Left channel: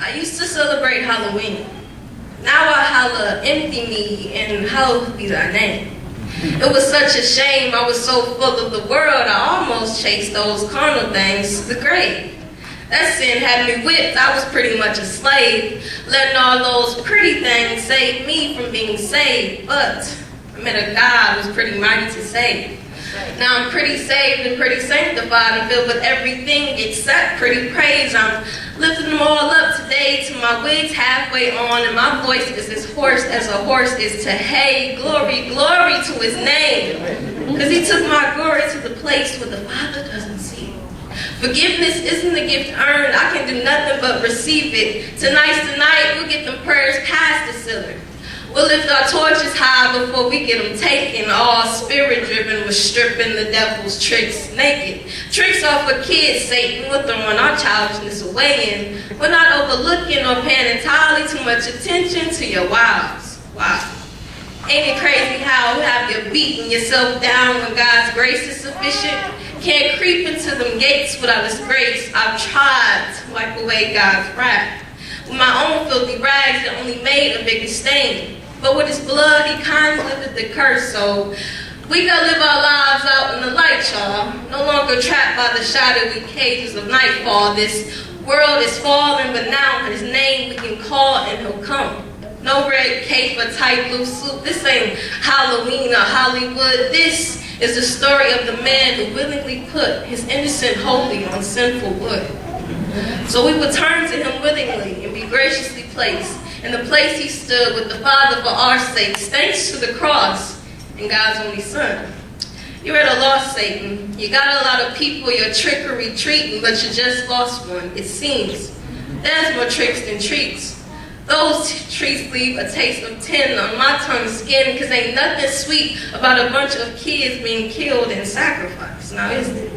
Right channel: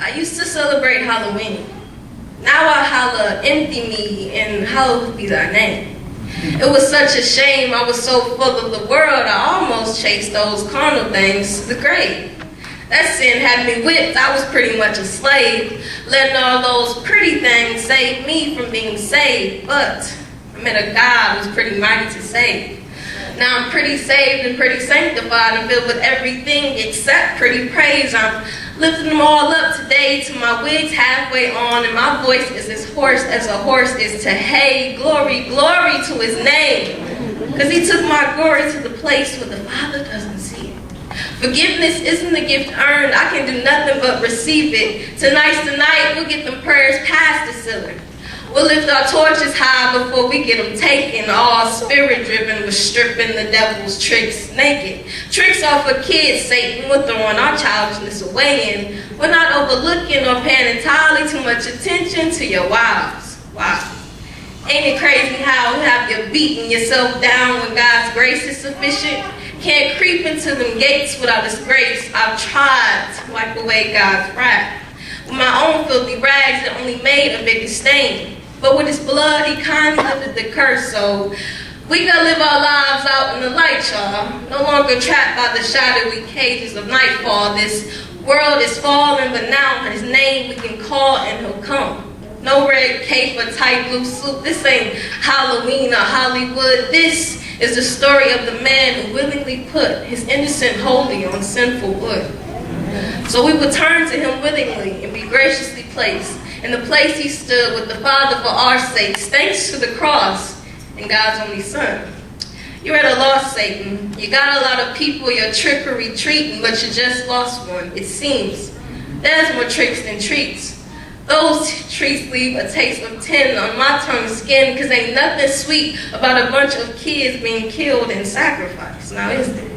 I used to celebrate Halloween. Now I holla, empty me, and hallowed be thy name. It was such a shame, I was so full of the world, I almost chased those carnal things to the grave. That sin had me whipped, I was pretty much a slave, letting all those pretty things save me from being saved. But I met a God who's pretty mighty to save. Now I'm pretty saved and pretty sanctified and filled with everything except pretty praise. I'm lifting them all up today till my wig's halfway on and my voice is as hoarse as a horse is to hay. Glory, glory to his name. Because he took my glory to the place where the Father doesn't see it. Forgiveness isn't a gift earned. I can do nothing but receive it. Tonight's the night, we'll get them prayers past the ceiling. We'll lift our torches high before we get them taken. All spirit-driven with stripping the devil's tricks naked. Tricks off of kids, Satan. We're throwing our childishness away and we're not overlooking or paying entirely too much attention to your wiles. Wow. Ain't it crazy how you have you beating yourself down when God's grace is sufficient? Can't creep into them gates without disgrace. I've tried to wipe away God's wrath. With my own filthy rags that only made a bigger stain. But with his blood, he kindly lifted the curse, so we gotta live our lives out in the light, y'all. No longer trapped by the shadowy cages of nightfall. This world is falling, but now his name we can call and he'll come. No red cape or tight blue suit. This ain't Halloween or Hollywood. This is the story of the man who willingly put his innocent holy on sinful wood. So we will turn to him willingly and be graciously placed in the place he stood with the Father for our sakes, thanks to the cross and God's only Son. You're at a loss, Satan. You got a lot of people your trickery treating, but you just lost one, it seems. There's more tricks than treats. Those treats leave a taste of tin on my tongue skin, because ain't nothing sweet about a bunch of kids being killed and sacrificed. Now is there?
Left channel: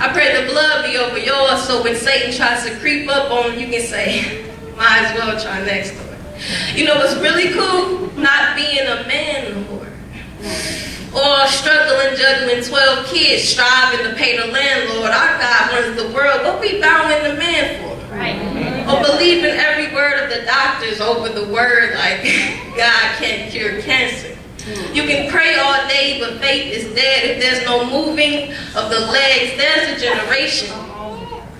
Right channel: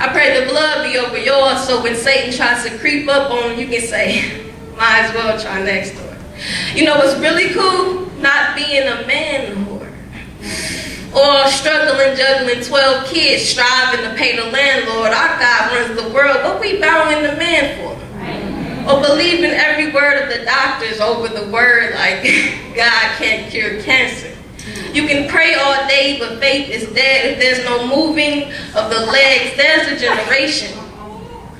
I pray the blood be over yours, so when Satan tries to creep up on you, you can say, might as well try next door. You know what's really cool? Not being a man no more. Or struggling, juggling 12 kids, striving to pay the landlord. Our God runs the world. What we bowing the man for? Right. Or believing every word of the doctors over the word like God can't cure cancer. You can pray all day, but faith is dead. If there's no moving of the legs, there's a generation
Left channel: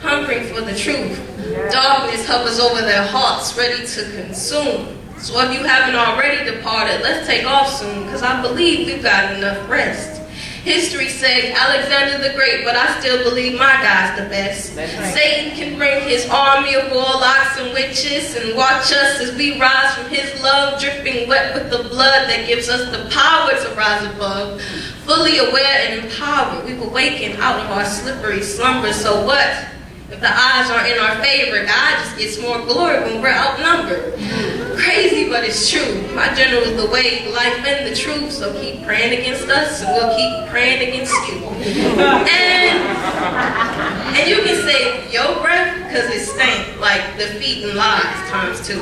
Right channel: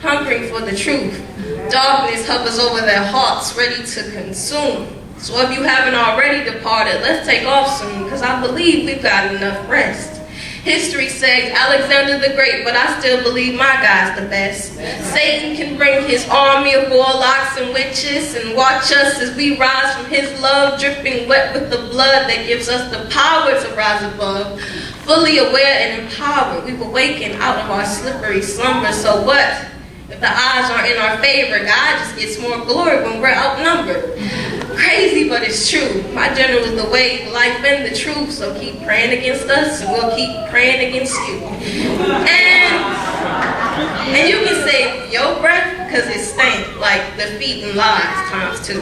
hungering for the truth. Darkness hovers over their hearts, ready to consume. So if you haven't already departed, let's take off soon, because I believe we've got enough rest. History says Alexander the Great, but I still believe my God's the best. Satan can bring his army of warlocks and witches and watch us as we rise from his love, dripping wet with the blood that gives us the power to rise above. Fully aware and empowered, we've awakened out of our slippery slumber. So what? If the odds aren't in our favor, God just gets more glory when we're outnumbered. Crazy, but it's true. My general is the way, life, and the truth. So keep praying against us, and we'll keep praying against you. And you can save your breath, because it stank like defeating lies times 2.